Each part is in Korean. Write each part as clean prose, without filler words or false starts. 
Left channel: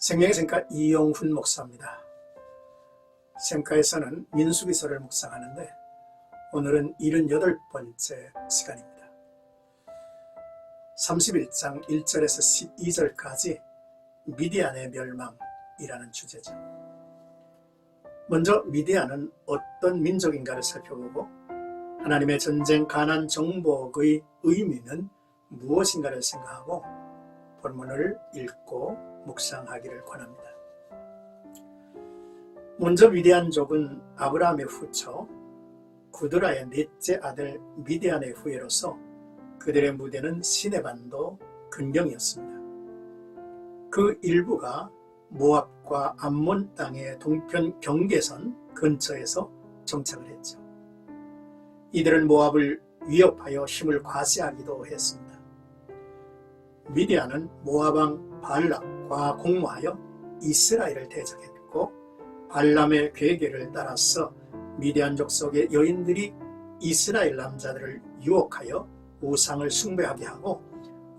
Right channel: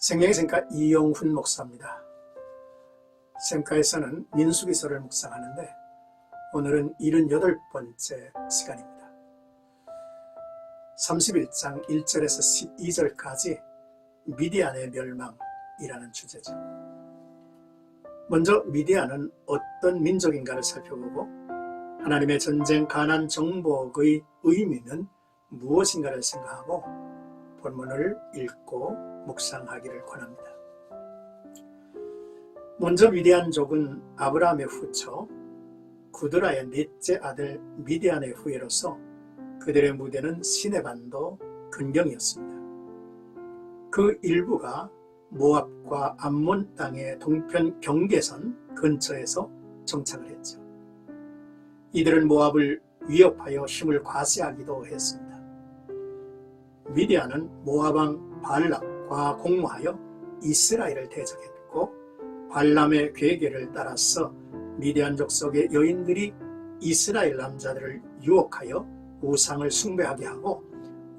생명의 샘가 이용훈 목사입니다. 샘가에서는 민수기서를 묵상하는데 오늘은 78번째 시간입니다. 31장 1절에서 12절까지 미디안의 멸망이라는 주제죠. 먼저 미디안은 어떤 민족인가를 살펴보고 하나님의 전쟁 가난 정복의 의미는 무엇인가를 생각하고 본문을 읽고 묵상하기를 권합니다. 먼저 미디안족은 아브라함의 후처 구드라의 넷째 아들 미디안의 후예로서 그들의 무대는 시내반도 근경이었습니다. 그 일부가 모압과 암몬 땅의 동편 경계선 근처에서 정착을 했죠. 이들은 모압을 위협하여 힘을 과시하기도 했습니다. 미디안은 모압왕 발락과 공모하여 이스라엘을 대적했고 발람의 괴계를 따라서 미디안 족속의 여인들이 이스라엘 남자들을 유혹하여 우상을 숭배하게 하고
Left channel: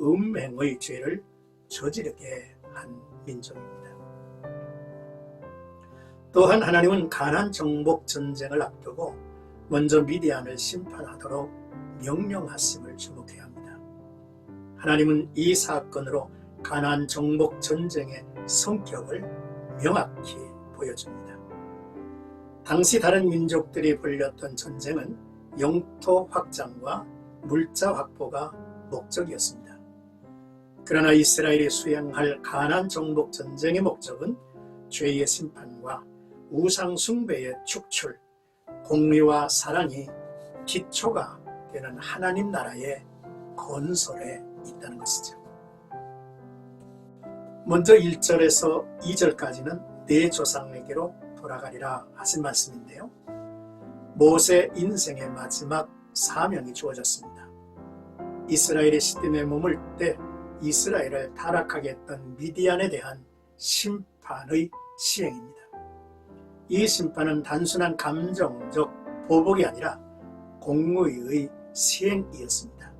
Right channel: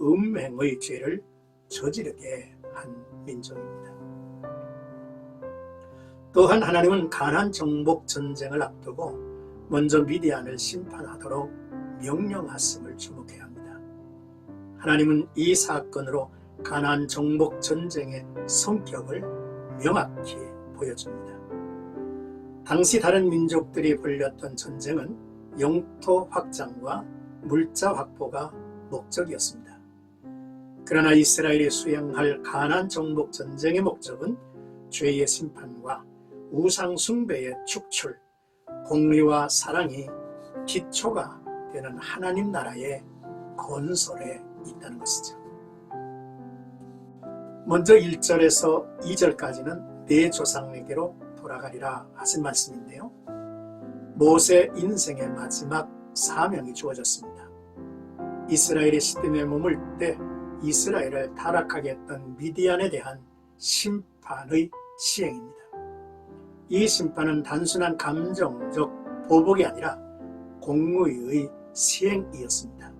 음행의 죄를 저지르게 한 민족입니다. 또한 하나님은 가나안 정복 전쟁을 앞두고 먼저 미디안을 심판하도록 명령하심을 주목해야 합니다. 하나님은 이 사건으로 가나안 정복 전쟁의 성격을 명확히 보여줍니다. 당시 다른 민족들이 벌였던 전쟁은 영토 확장과 물자 확보가 목적이었습니다. 그러나 이스라엘이 수행할 가나안 정복 전쟁의 목적은 죄의 심판과 우상 숭배의 축출, 공의와 사랑이 기초가 되는 하나님 나라의 건설에 있다는 것이죠. 먼저 1절에서 2절까지는 내 조상에게로 돌아가리라 하신 말씀인데요. 모세 인생의 마지막 사명이 주어졌습니다. 이스라엘이 시딤에 머물 때 이스라엘을 타락하게 했던 미디안에 대한 심판의 시행입니다. 이 심판은 단순한 감정적 보복이 아니라 공의의 시행이었습니다.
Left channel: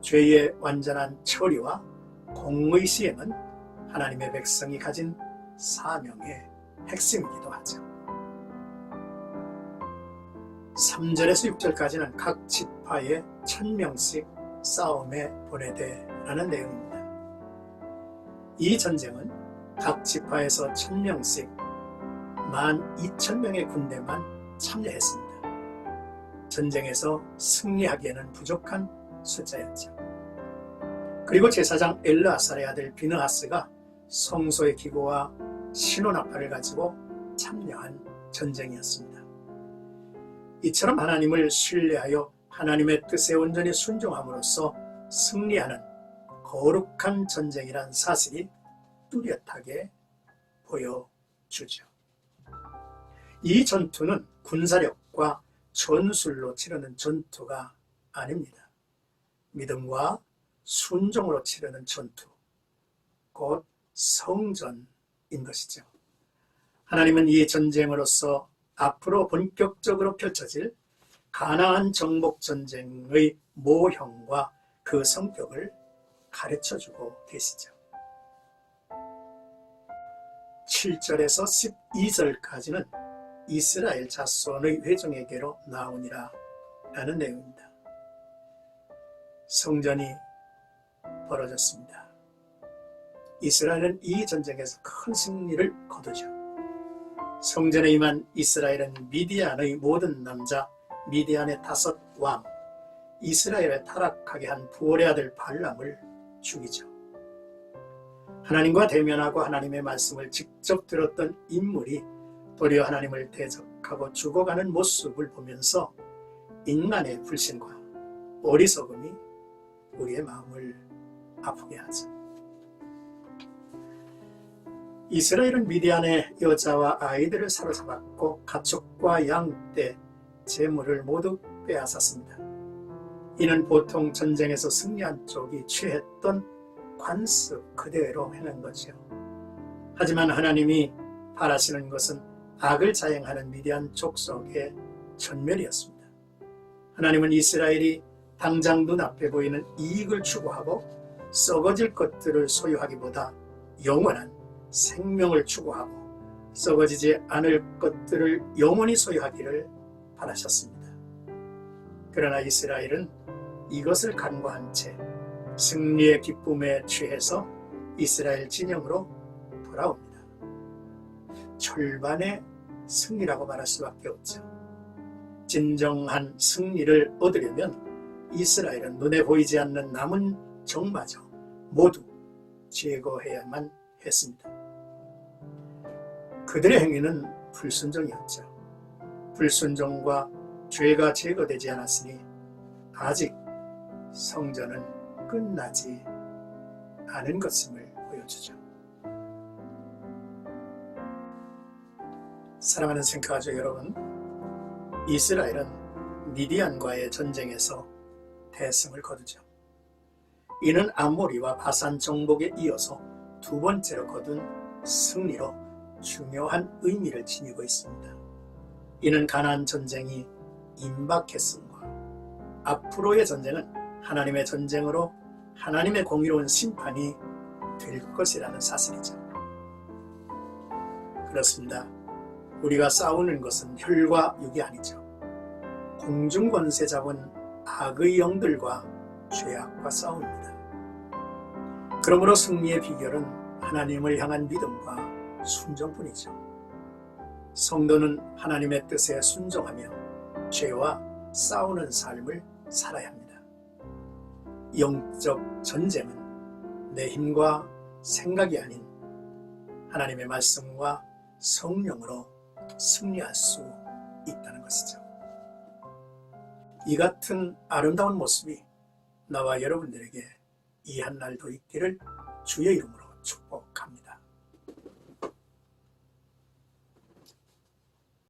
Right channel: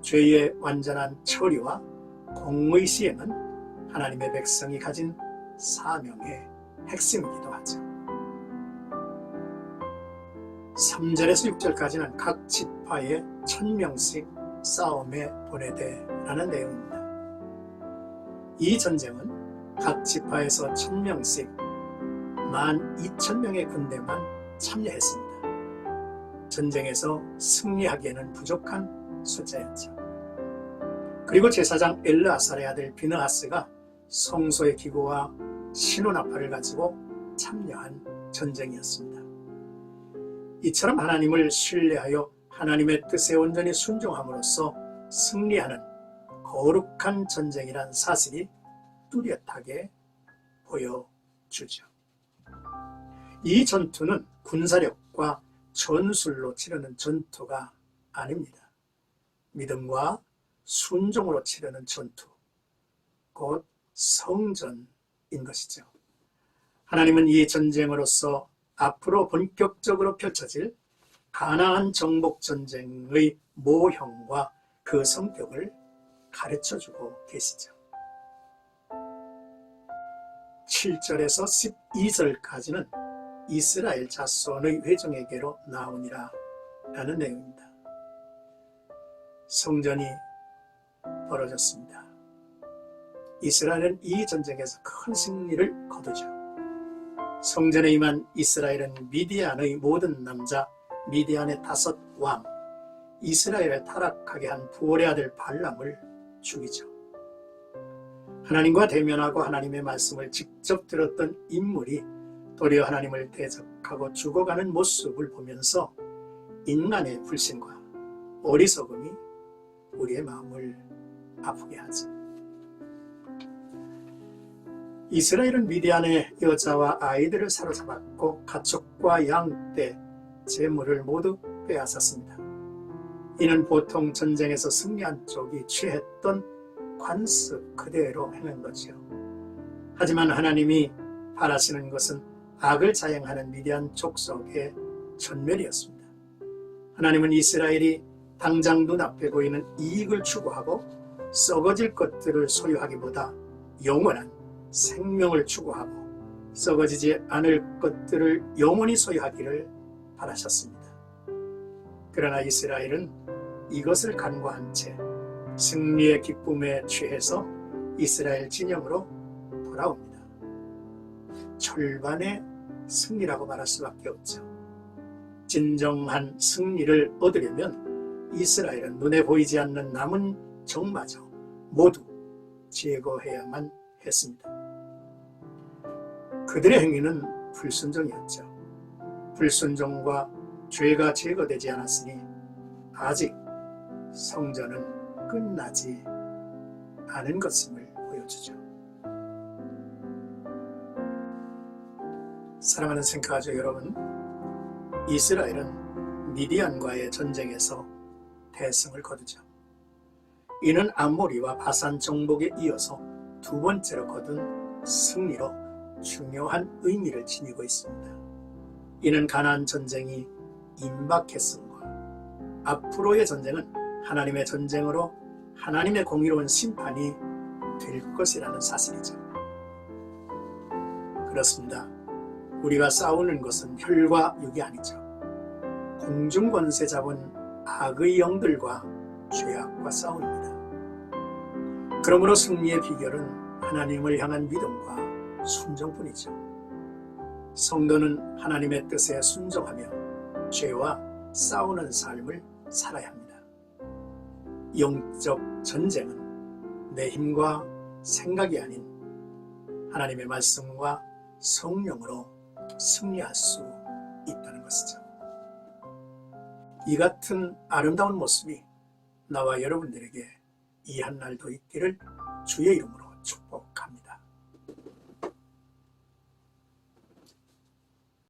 죄의 완전한 처리와 공의 시행은 하나님의 백성이 가진 사명의 핵심이기도 하죠. 3절에서 6절까지는 각 지파에 1000명씩 싸움에 보내되라는 내용입니다. 이 전쟁은 각 지파에서 1000명씩 12,000명의 군대만 참여했습니다. 전쟁에서 승리하기에는 부족한 숫자였죠. 그리고 제사장 엘르아살의 아들 비느하스가 성소의 기구와 신혼나팔을 가지고 참여한 전쟁이었습니다. 이처럼 하나님을 신뢰하여 하나님의 뜻에 온전히 순종함으로써 승리하는 거룩한 전쟁이란 사실이 뚜렷하게 보여주죠. 이 전투는 군사력과 전술로 치르는 전투가 아닙니다. 믿음과 순종으로 치르는 전투, 곧 성전인 것이죠. 하나님은 이 전쟁으로서 앞으로 본격적으로 펼쳐질 가나안 정복 전쟁의 모형과 그 성격을 가르쳐주고 계시죠. 7절에서 12절까지는 이스라엘 자손의 회중에게로 나오니라 라는 내용입니다. 성전이 벌어졌습니다. 이스라엘은 이 전쟁에서 큰 승리를 거두죠. 성전에 임한 이스라엘은 미디안의 모든 남자, 미디안의 5 왕, 이스라엘을 타락하게 한 부올의 아들 발람을 죽이죠. 하나님과 대면하고 하나님의 말씀을 직접 들었던 인물이 도리어 하나님을 대적하고 죽어가는 모습을 보면서 인간의 불신과 어리석음이 우리의 마음을 아프게 하죠. 이스라엘은 미디안의 여자와 아이들을 사로잡았고 가축과 양떼, 재물을 모두 빼앗았습니다. 이는 보통 전쟁에서 승리한 쪽이 취했던 관습 그대로 행한 거죠. 하지만 하나님이 바라시는 것은 악을 자행하는 미디안 족속의 전멸이었습니다. 하나님은 이스라엘이 당장 눈앞에 보이는 이익을 추구하고 썩어질 것들을 소유하기보다 영원한 생명을 추구하고 썩어지지 않을 것들을 영원히 소유하기를 바라셨습니다. 그러나 이스라엘은 이것을 간과한 채 승리의 기쁨에 취해서 이스라엘 진영으로 돌아옵니다. 철반의 승리라고 말할 수밖에 없죠. 진정한 승리를 얻으려면 이스라엘은 눈에 보이지 않는 남은 적마저 모두 제거해야만 했습니다. 그들의 행위는 불순종이었죠. 불순종과 죄가 제거되지 않았으니 아직 성전은 끝나지 않은 것임을 보여주죠. 사랑하는 생가족 여러분, 이스라엘은 미디안과의 전쟁에서 대승을 거두죠. 이는 아모리와 바산 정복에 이어서 두 번째로 거둔 승리로 중요한 의미를 지니고 있습니다. 이는 가나안 전쟁이 임박했음과 앞으로의 전쟁은 하나님의 전쟁으로 하나님의 공의로운 심판이 될 것이라는 사실이죠. 그렇습니다. 우리가 싸우는 것은 혈과 육이 아니죠. 공중 권세 잡은 악의 영들과 죄악과 싸웁니다. 그러므로 승리의 비결은 하나님을 향한 믿음과 순종뿐이죠. 성도는 하나님의 뜻에 순종하며 죄와 싸우는 삶을 살아야 합니다. 영적 전쟁은 내 힘과 생각이 아닌 하나님의 말씀과 성령으로 승리할 수 있다는 것이죠. 이 같은 아름다운 모습이 나와 여러분들에게 이 한 날도 있기를 주의 이름으로